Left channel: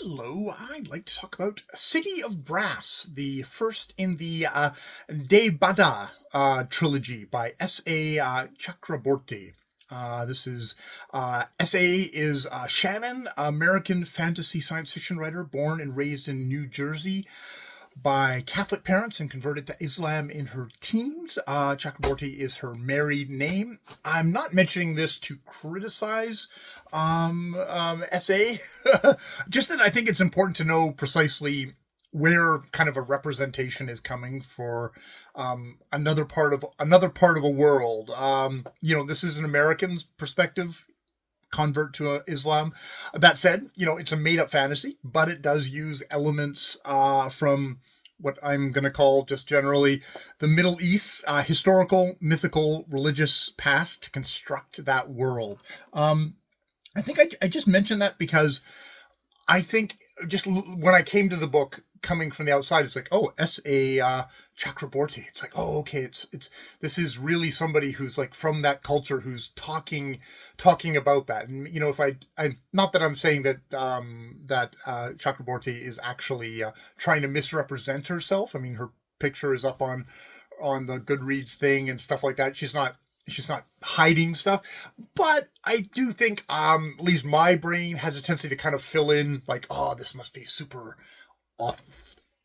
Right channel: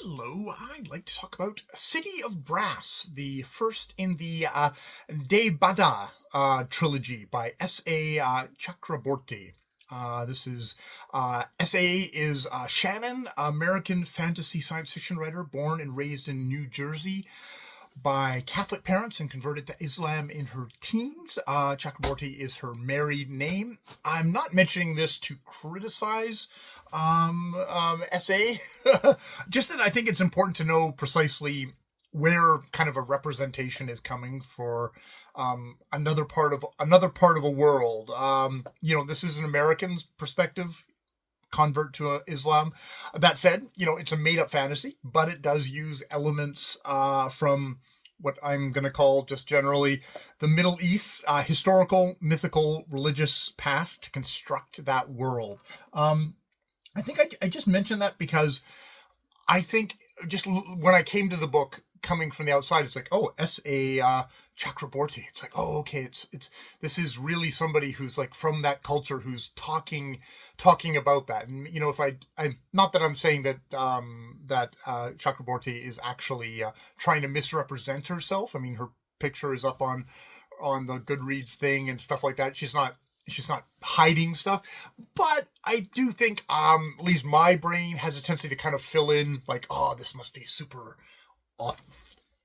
Hello, I'd like to talk about City of Brass, the first in the De Bada trilogy by S.A. Chakraborty. This is S.A. is Shannon, American fantasy science fiction writer, born and raised in New Jersey by Catholic parents and converted to Islam in her teens. Chakraborty is her married name. I'm not mentioning this to criticize SA, just that I think it's important to know precisely where kind of a representation is coming for another part of a world. This is an American's perspective, convert to Islam. That said, it's a made up fantasy, but it does use elements from what I'm going to call just generally the Middle East, historical, mythical, religious past to construct that world. I think I just mentioned that because I think just when I came to the book coming from the outside, it's like, oh, S.A. Chakraborty. It's like, oh, okay, it's this is really somebody who's like from that culture who's talking about that. And if I not that I'm saying that Chakraborty is actually trying to misrepresent herself. I mean, her picture is up on the Goodreads thing and stuff like that. She's not hiding stuff, but I do think at least my brain has a tendency to kind of fill in like, oh, this must be super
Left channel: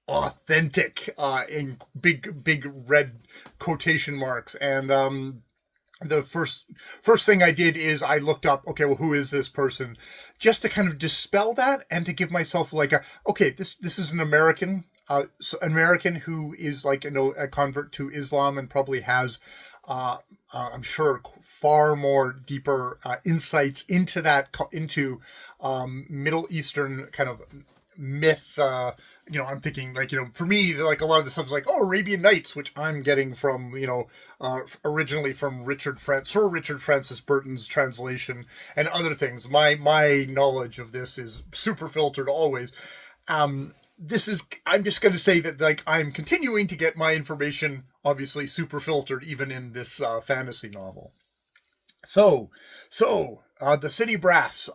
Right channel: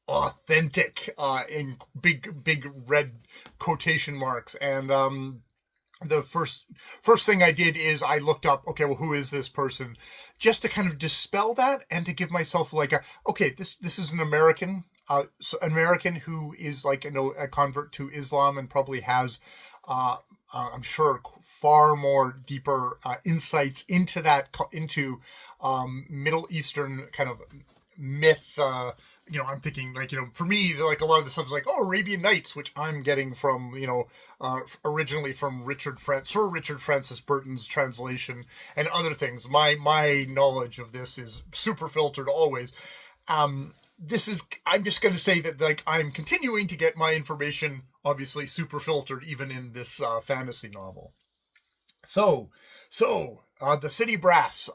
authentic in big red quotation marks. And the first thing I did is I looked up, okay, well, who is this person, just to kind of dispel that and to give myself like this is an American, an American who is like a convert to Islam and probably has I'm sure far more deeper insights into Middle Eastern kind of myth. I'm thinking like, for me, like a lot of the stuff is like, oh, Arabian Nights, which I'm getting from, originally from Sir Richard Francis Burton's translation and other things. My knowledge of this is super filtered always. I'm just going to say that like I'm continuing to get my information obviously super filtered even in this fantasy novel. So the City Brass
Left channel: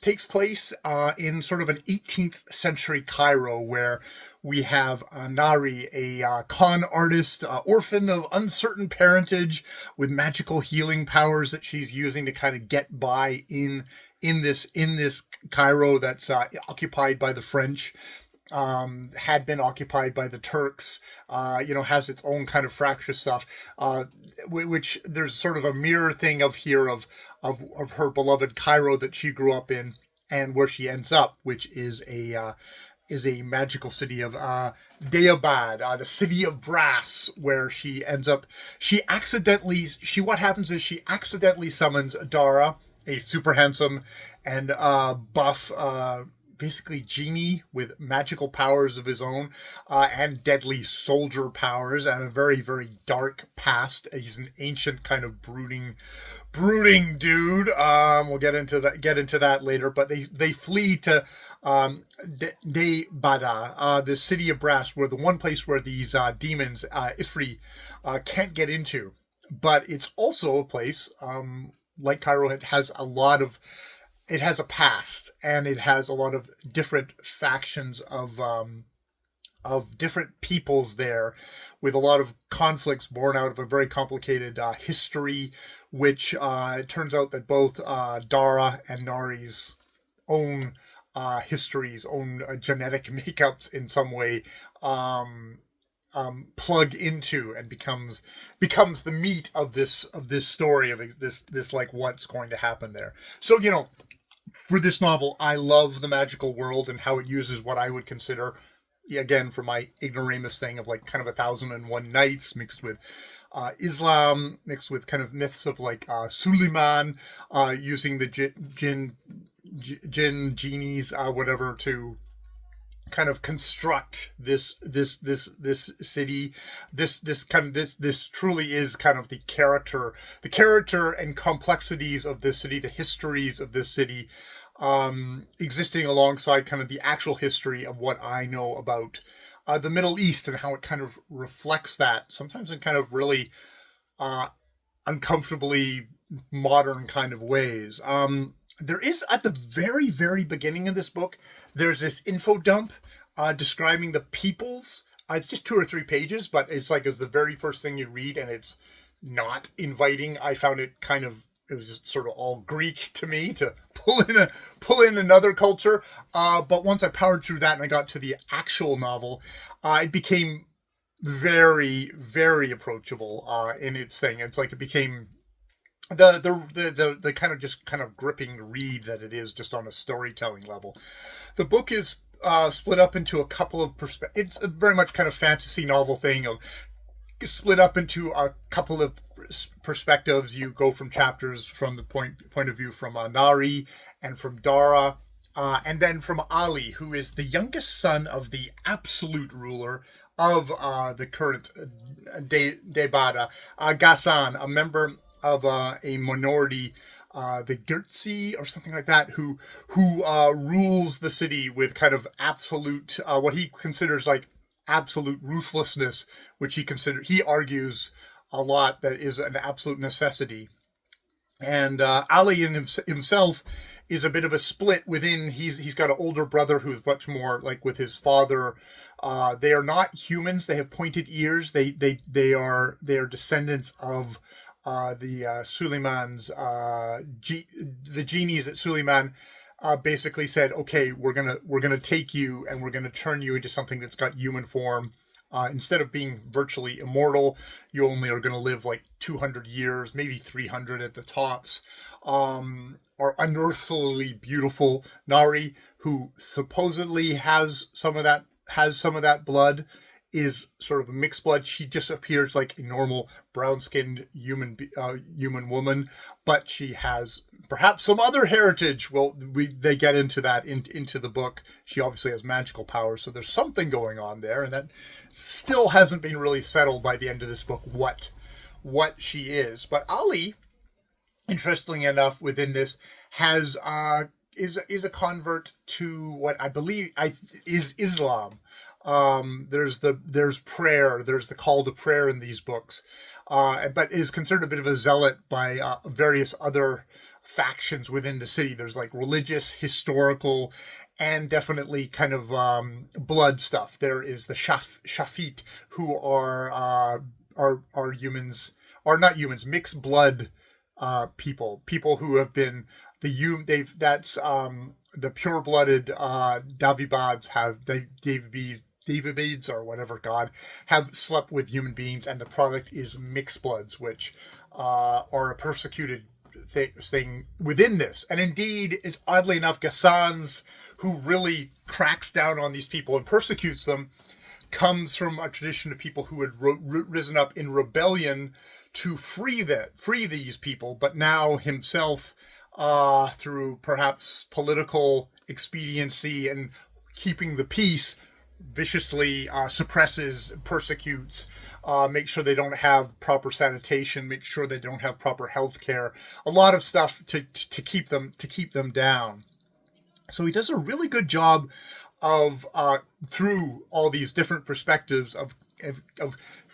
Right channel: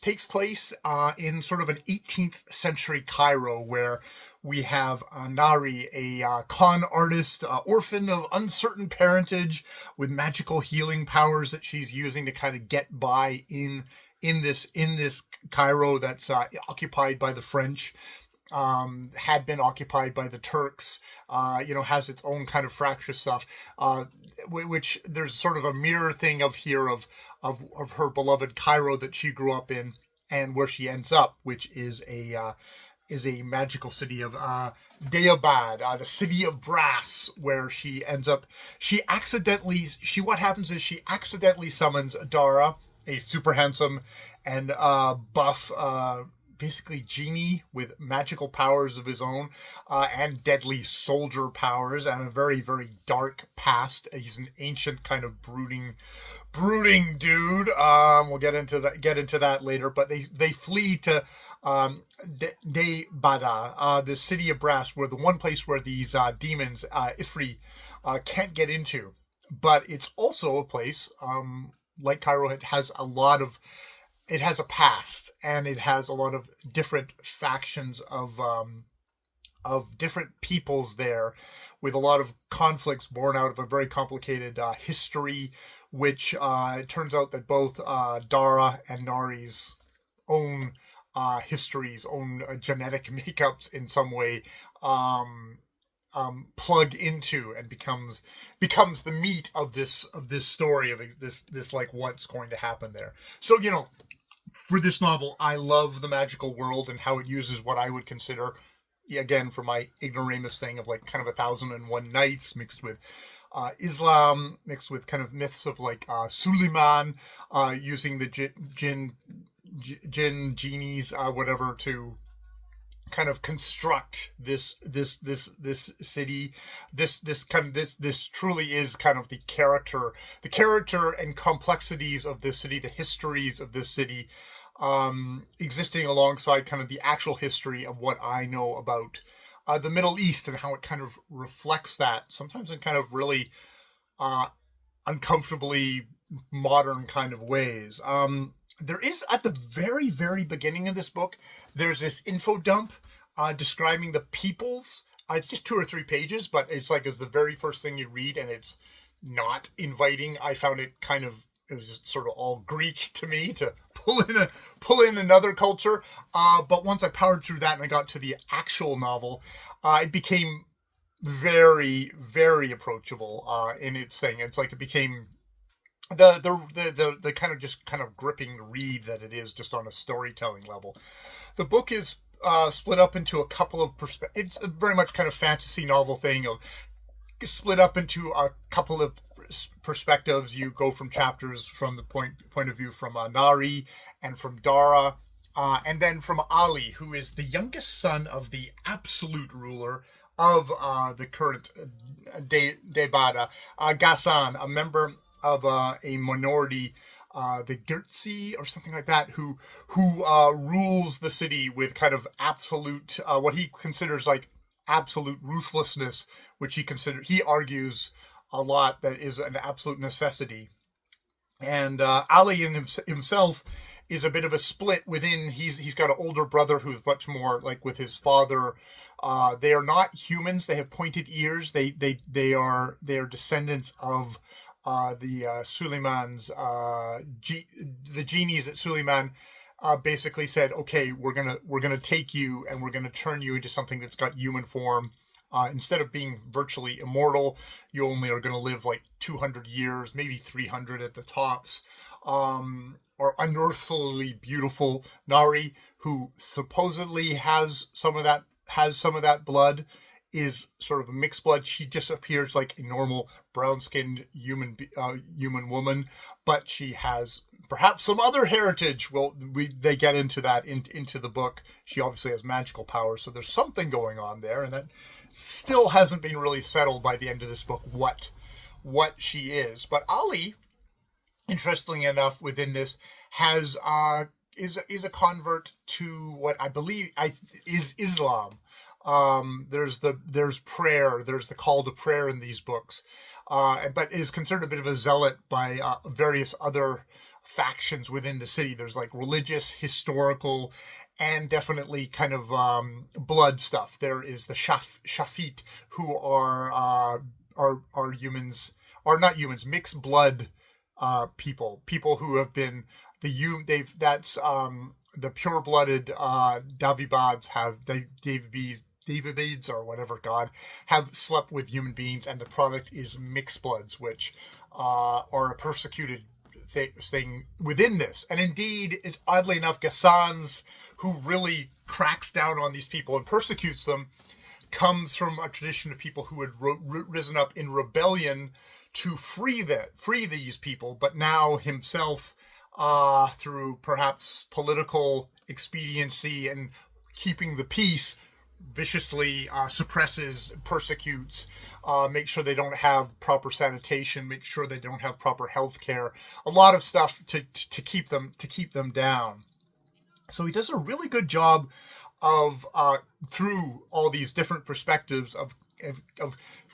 takes place in sort of an 18th century Cairo, where we have Nari, a con artist, orphan of uncertain parentage with magical healing powers that she's using to kind of get by in this Cairo that's occupied by the French, had been occupied by the Turks, has its own kind of fractious stuff, which there's sort of a mirror thing of her beloved Cairo that she grew up in and where she ends up, which is a magical city of Deobad, the city of brass, where she ends up. What happens is she accidentally summons Dara, a super handsome and buff, basically genie with magical powers of his own, and deadly soldier powers, and a very, very dark past. He's an ancient kind of brooding dude. We'll get into that later, but they flee to De Bada, the city of brass, where the one place where these demons, Ifri, can't get into. But it's also a place, like Cairo, it has a past, and it has a lot of different factions of different peoples there, with a lot of conflicts born out of a very complicated history, which it turns out that both Dara and Nari's own histories, own genetic makeups in some way plug into and becomes the meat of this story of this like what's going to happen there. So for this novel, I love the magical world and how it uses what I would consider, again, for my ignoramus thing of like kind of 1001 Nights mixed with Islam, mixed with kind of myths of like Suleiman, using the jinn genies, whatever, to kind of construct this city. This truly is kind of the character and complexities of this city, the histories of this city, existing alongside kind of the actual history of what I know about the Middle East and how it kind of reflects that, sometimes in kind of really uncomfortably modern kind of ways. There is, at the very, very beginning of this book, there's this info dump describing the peoples. It's just 2 or 3 pages, but it's like it's the very first thing you read, and it's not inviting. I found it it was just sort of all Greek to me to pull in another culture. But once I powered through that and I got to the actual novel, it became very, very approachable in its thing. It's like it became the kind of gripping read that it is just on a storytelling level. The book is split up into a couple of it's a very much kind of fantasy novel thing of split up into a couple of perspectives. You go from chapters from the point of view from Nari and from Dara, and then from Ali, who is the youngest son of the absolute ruler of the current Debada, Ghassan, a member of a minority, the Girtsi or something like that, who rules the city with kind of absolute, what he considers like absolute ruthlessness, which he argues a lot that is an absolute necessity. And Ali in himself is a bit of a split within. He's got an older brother who's much more like with his father. They are not humans. They have pointed ears. They are descendants of the Suleiman's the genies at Suleiman. Basically said, okay, we're gonna take you and we're gonna turn you into something that's got human form. Instead of being virtually immortal, you only are going to live like 200 years, maybe 300 at the tops. Our unearthly beautiful Nari, who supposedly has some of that blood, is sort of a mixed blood. She just appears like a normal brown-skinned human woman, but she has perhaps some other heritage. Well, they get into that into the book. She obviously has magical powers, so there's something going on there, and that still hasn't been really settled by the end of this book what she is. But Ali, interestingly enough, within this is a convert to what I believe is Islam. There's prayer, there's the call to prayer in these books, but is considered a bit of a zealot by various other factions within the city. There's like religious, historical, and definitely kind of blood stuff. There is the Shafit, who are humans, are not humans, mixed blood people who have been the pure-blooded Davibids or whatever god have slept with human beings, and the product is mixed bloods, which are a persecuted thing within this. And indeed, it's oddly enough, Ghassan's, who really cracks down on these people and persecutes them, comes from a tradition of people who had risen up in rebellion to free these people, but now himself, through perhaps political expediency and keeping the peace, viciously suppresses, persecutes, make sure they don't have proper sanitation, make sure they don't have proper health care, a lot of stuff to keep them down. So he does a really good job of through all these different perspectives of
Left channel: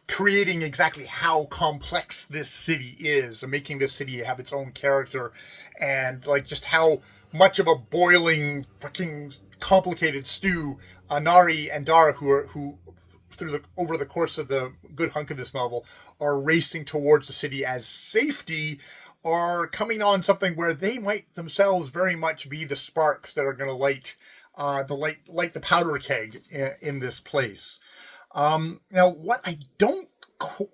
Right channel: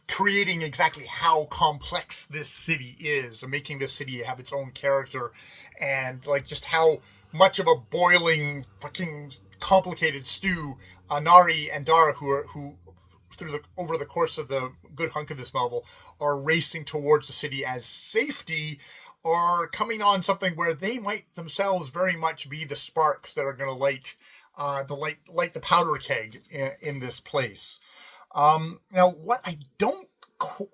creating exactly how complex this city is, and making this city have its own character, and like just how much of a boiling freaking complicated stew Nari and Dara, who over the course of the good hunk of this novel are racing towards the city as safety, are coming on something where they might themselves very much be the sparks that are going to light the powder keg in this place. Now, what I don't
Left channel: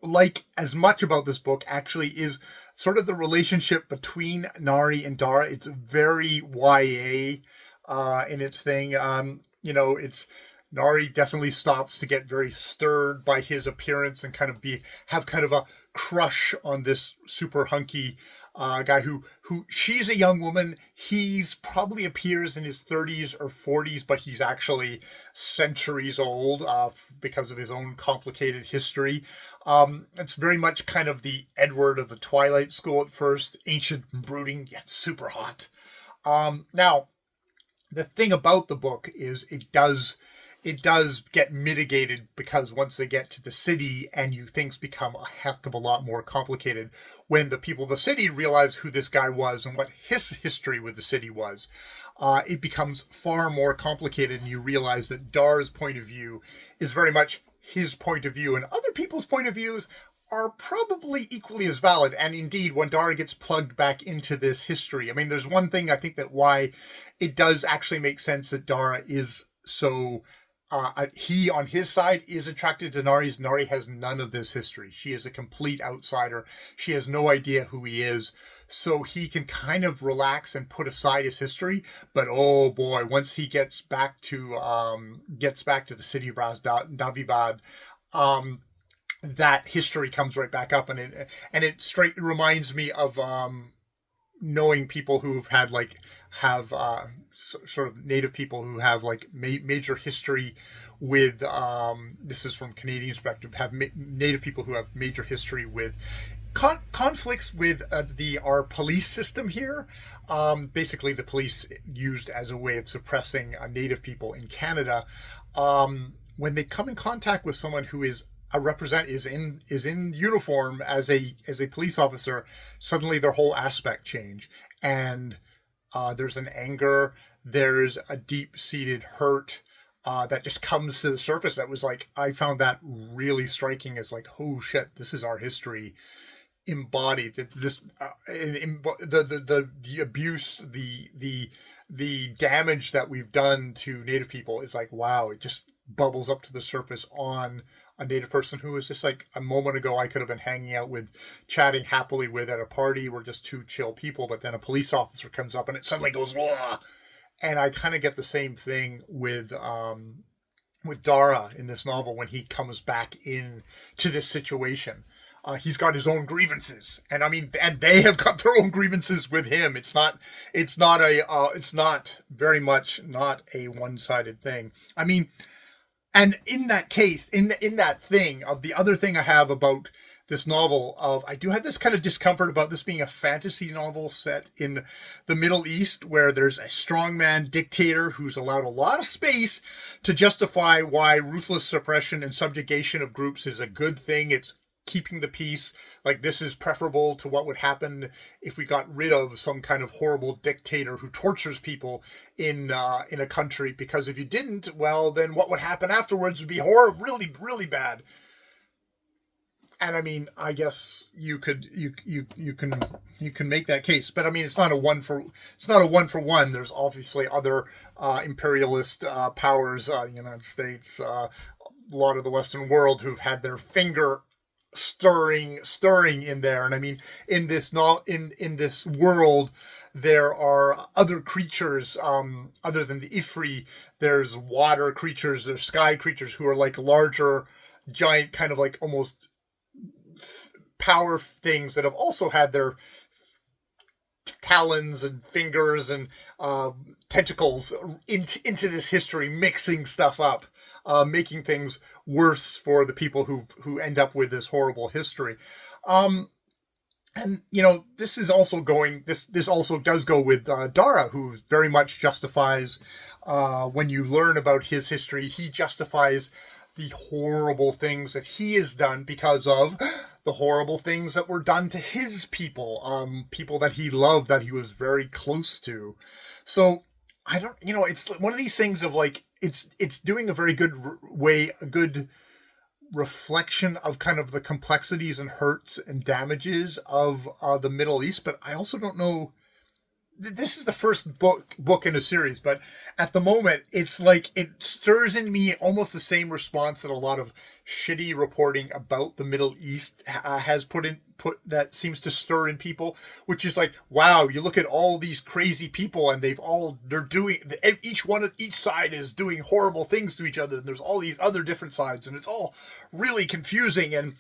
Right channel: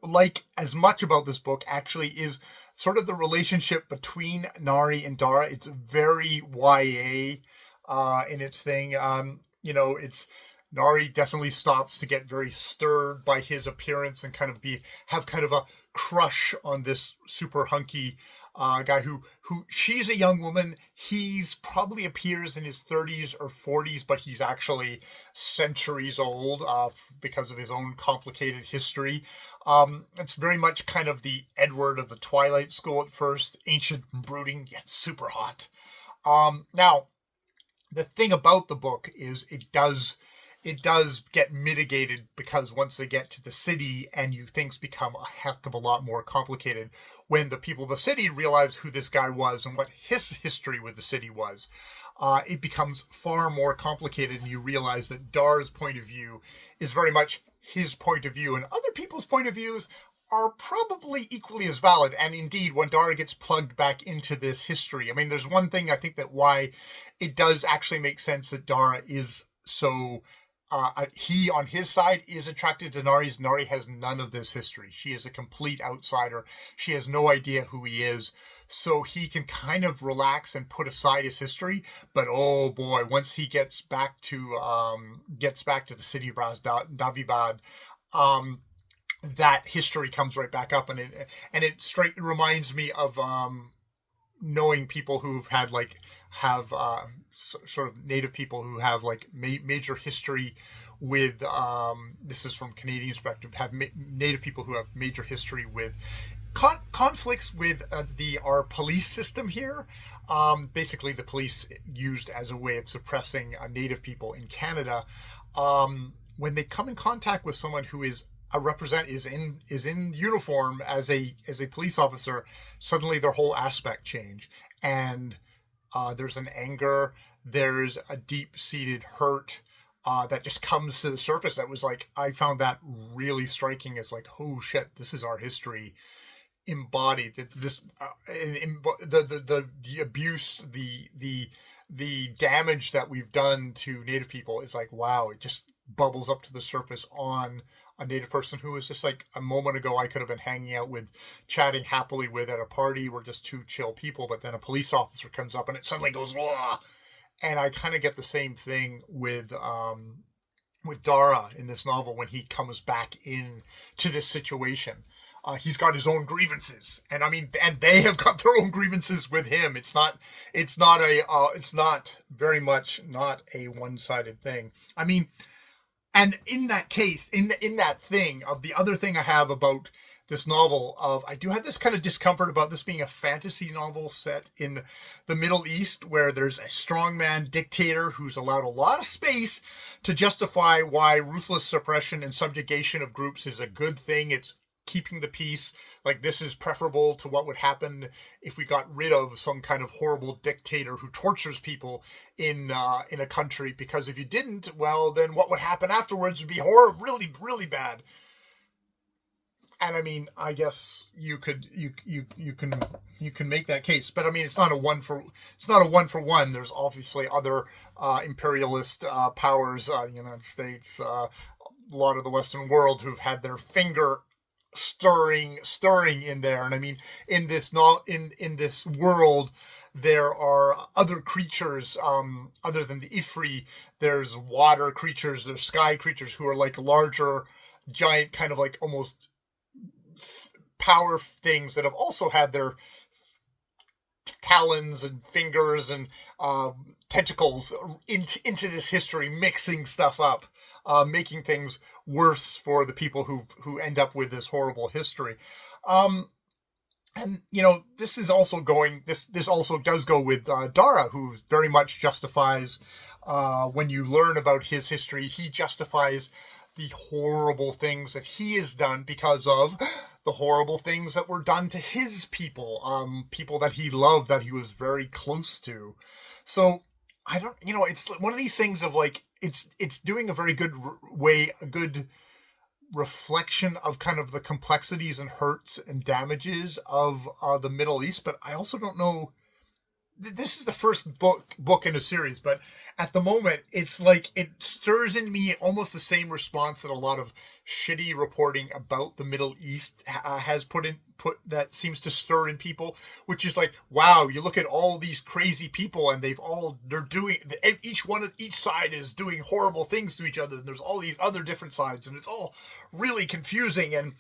like as much about this book actually is sort of the relationship between Nari and Dara. It's very YA in its thing. It's Nari definitely stops to get very stirred by his appearance and kind of have kind of a crush on this super hunky guy who she's a young woman. He's probably appears in his 30s or 40s, but he's actually centuries old because of his own complicated history. It's very much kind of the Edward of the Twilight School at first, ancient, brooding, yet super hot. Now, the thing about the book is it does it does get mitigated because once they get to the city and things become a heck of a lot more complicated when the people of the city realize who this guy was and what his history with the city was. It becomes far more complicated, and you realize that Dar's point of view is very much his point of view, and other people's point of views are probably equally as valid. And indeed, when Dara gets plugged back into this history, I mean, there's one thing I think that why it does actually make sense that Dara is so he on his side is attracted to Nari's. Nari has none of this history. She is a complete outsider. She has no idea who he is. So he can kind of relax and put aside his history. But oh boy, once he gets back to the city of Brss Davibad, that history comes right back up, and it straight reminds me of knowing people who've had sort of native people who have major history with this is from Canadian perspective, have native people who have major history with conflicts with our police system here. Basically the police used as a way of suppressing native people in Canada. When they come in contact with someone who is is in uniform as a police officer, suddenly their whole aspect change, and there's an anger, there's a deep-seated hurt that just comes to the surface. That was I found that really striking. It's oh shit, this is our history embodied. This the abuse, the damage that we've done to Native people is wow, it just bubbles up to the surface on a Native person who was just a moment ago I could have been hanging out with, chatting happily with at a party. We're just two chill people, but then a police officer comes up and it suddenly goes, wah! And I kind of get the same thing with Dara in this novel when he comes back in to this situation. He's got his own grievances, and they have got their own grievances with him. It's not very much not a one-sided thing. And in that case, in that thing of the other thing I have about this novel I do have this kind of discomfort about this being a fantasy novel set in the Middle East, where there's a strongman dictator who's allowed a lot of space to justify why ruthless suppression and subjugation of groups is a good thing. It's keeping the peace. This is preferable to what would happen if we got rid of some kind of horrible dictator who tortures people in a country, because if you didn't, well, then what would happen afterwards would be horrible, really, really bad. And I guess you can make that case, but it's not a one for one. There's obviously other imperialist powers, United States, a lot of the Western world, who've had their finger stirring in there. And in this world there are other creatures other than the Ifri. There's water creatures, there's sky creatures who are larger, giant, kind of almost power things that have also had their talons and fingers and tentacles into this history, mixing stuff up, making things worse for the people who end up with this horrible history. And this is also this also does go with Dara, who very much justifies, when you learn about his history, he justifies the horrible things that he has done because of the horrible things that were done to his people, people that he loved, that he was very close to. So it's one of these things of it's doing a very good a good reflection of kind of the complexities and hurts and damages of the Middle East. But I also don't know, this is the first book in a series, but at the moment it's it stirs in me almost the same response that a lot of shitty reporting about the Middle East has put that seems to stir in people, which is wow, you look at all these crazy people and they're doing, each side is doing horrible things to each other, and there's all these other different sides, and it's all really confusing. And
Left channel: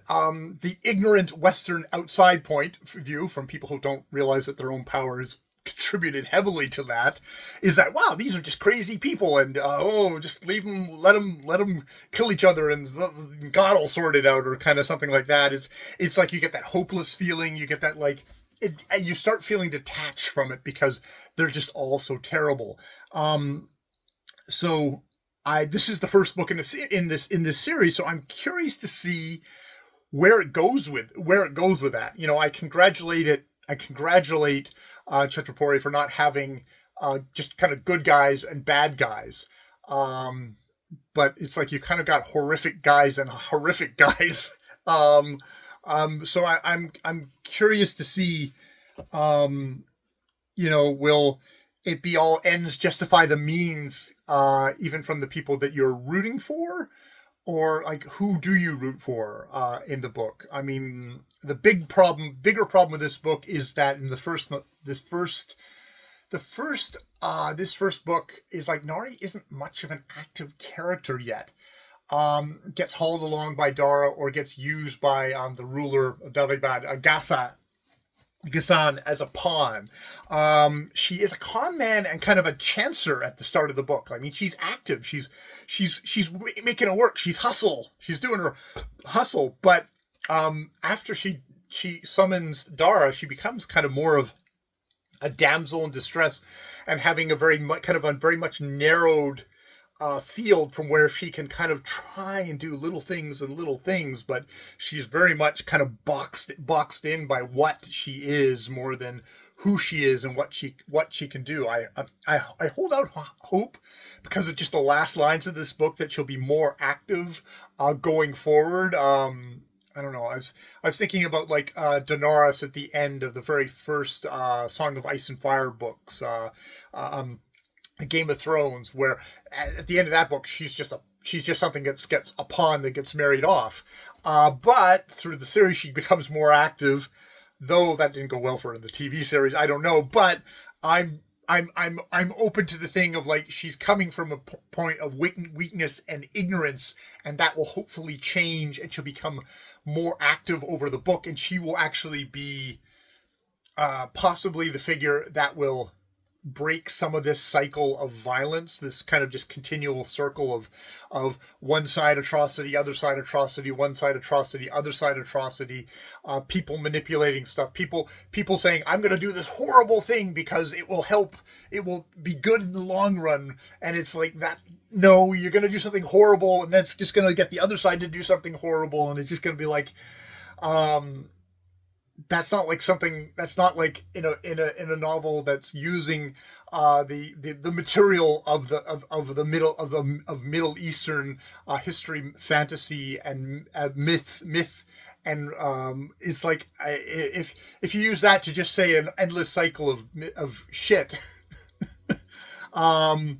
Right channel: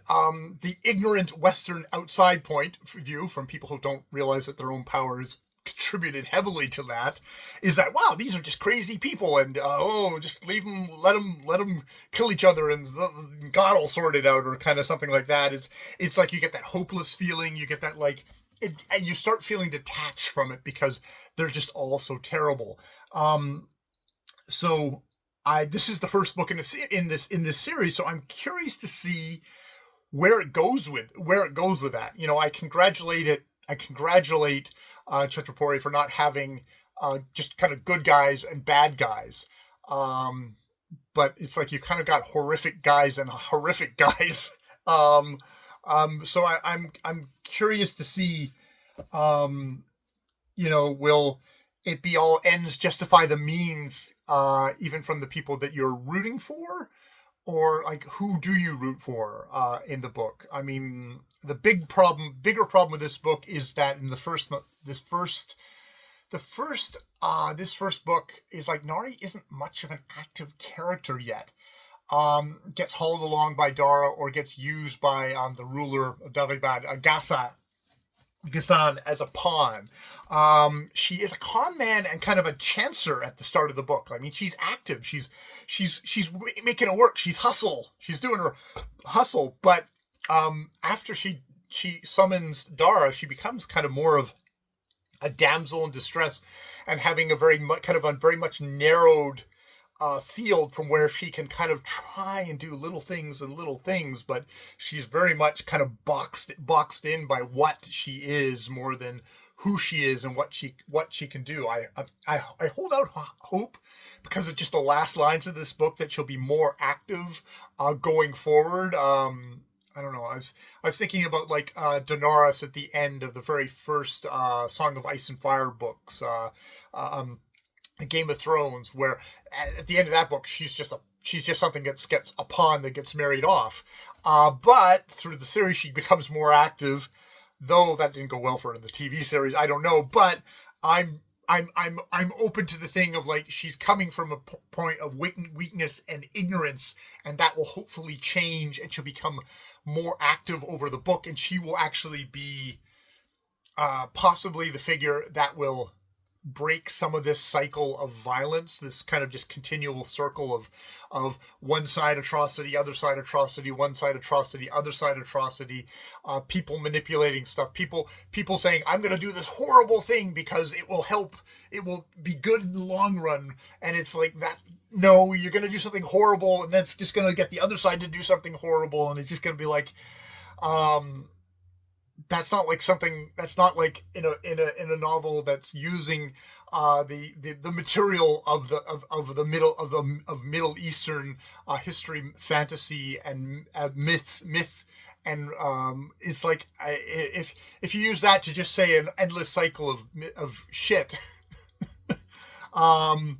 the ignorant Western outside point view from people who don't realize that their own powers contributed heavily to that is that, wow, these are just crazy people, and just leave them, let them kill each other, and God will sort it out, or kind of something like that. It's you get that hopeless feeling, you get that you start feeling detached from it because they're just all so terrible. So this is the first book in this series, so I'm curious to see where it goes with that. You know, I congratulate Chatrapuri for not having just kind of good guys and bad guys. But it's like you kind of got horrific guys and horrific guys. So I'm curious to see, you know, will it be all ends justify the means, even from the people that you're rooting for, or like who do you root for in the book? I mean, the bigger problem with this book is that in this first book is like Nari isn't much of an active character yet. Gets hauled along by Dara or gets used by the ruler of Daribad, Ghassan, as a pawn. She is a con man and kind of a chancer at the start of the book. I mean, she's active. She's making it work. She's doing her hustle. But after she summons Dara, she becomes kind of more of a damsel in distress and having a very much narrowed field from where she can kind of try and do little things, but she's very much kind of boxed in by what she is more than who she is and what she can do. I hold out hope because of just the last lines of this book that she'll be more active going forward. I don't know. I was thinking about like Daenerys at the end of the very first Song of Ice and Fire books, Game of Thrones, where at the end of that book she's just something that gets a pawn that gets married off. But through the series she becomes more active, though that didn't go well for her in the TV series. I don't know, but I'm open to the thing of like she's coming from a point of weakness and ignorance, and that will hopefully change, and she'll become more active over the book, and she will actually be possibly the figure that will break some of this cycle of violence, this kind of just continual circle of one side atrocity, other side atrocity, one side atrocity, other side atrocity, people manipulating stuff, people saying, I'm going to do this horrible thing because it will be good in the long run. And it's like that, no, you're going to do something horrible, and that's just going to get the other side to do something horrible. And it's just going to be like, that's not like in a novel that's using the material of Middle Eastern history, fantasy, and myth, and it's like if you use that to just say an endless cycle of shit. I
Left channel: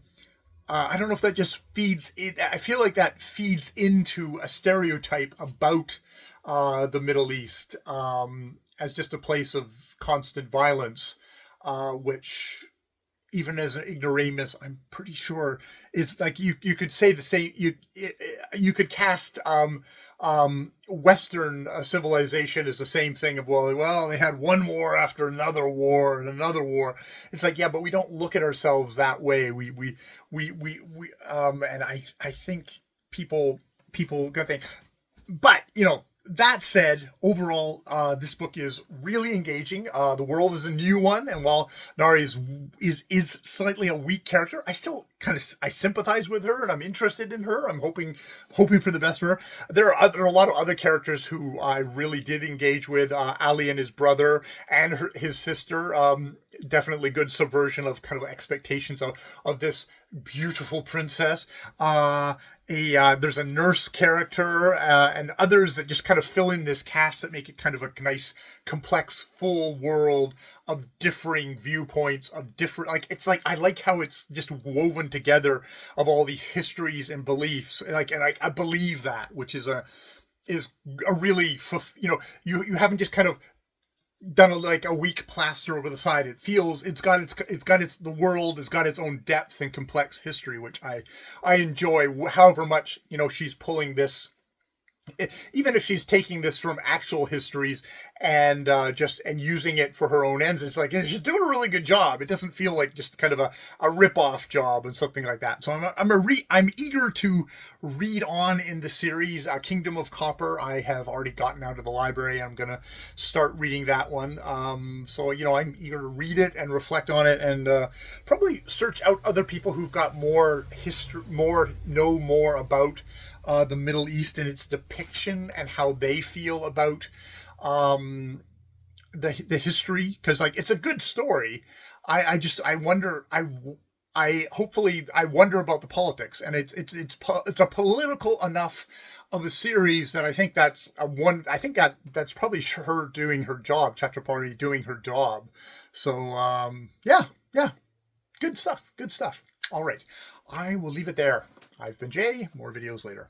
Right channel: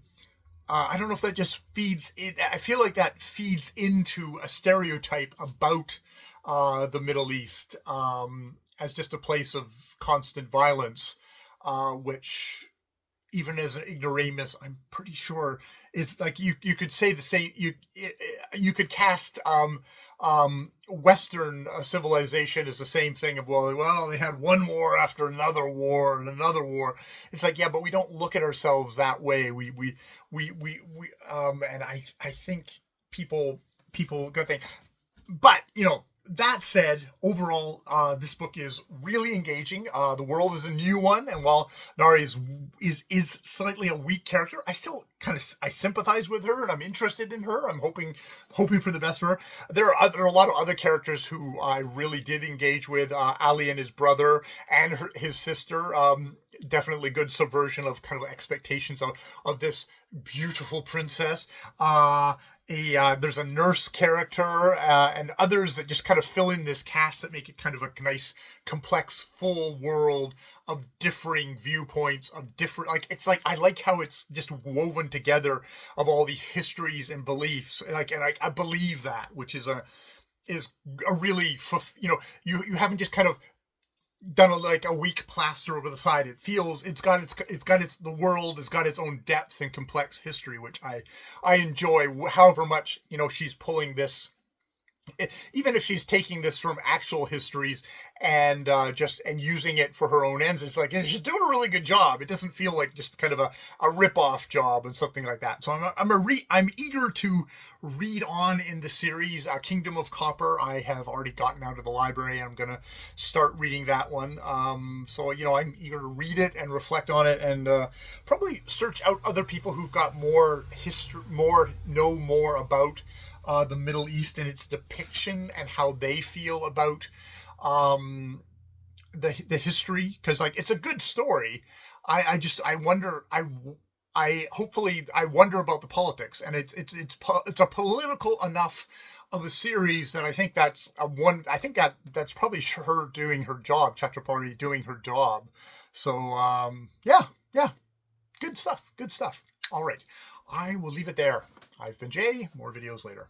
don't know if that just feeds it. I feel like that feeds into a stereotype about the Middle East as just a place of constant violence, which even as an ignoramus, I'm pretty sure it's like you could say the same. You could cast Western civilization as the same thing of well they had one war after another war and another war. It's like, yeah, but we don't look at ourselves that way. We and I think people go think, but you know. That said, overall, this book is really engaging. The world is a new one, and while Nari is slightly a weak character, I still I sympathize with her, and I'm interested in her. I'm hoping for the best for her. There are a lot of other characters who I really did engage with. Ali and his brother, and his sister. Definitely good subversion of kind of expectations of this beautiful princess. There's a nurse character and others that just kind of fill in this cast that make it kind of a nice, complex, full world of differing viewpoints, of different, like, it's like, I like how it's just woven together of all these histories and beliefs. And I believe that, which is a really, you haven't just kind of done a weak plaster over the side. It feels the world has got its own depth and complex history, which I enjoy. However much she's pulling this even if she's taking this from actual histories and and using it for her own ends, it's like she's doing a really good job. It doesn't feel like just kind of a rip-off job and something like that. So I'm eager to read on in the series. Kingdom of Copper, I have already gotten out of the library. I'm gonna start reading that one. So I'm eager to read it and reflect on it, and probably search out other people who've got more history, know more about the Middle East and its depiction and how they feel about the history, because like it's a good story. I wonder I hopefully I wonder about the politics, and it's a political enough of a series that I think that's a one. I think that's probably her doing her job, Chakrabarti doing her job. So yeah, good stuff. Good stuff. All right, I will leave it there. I've been Jay. More videos later.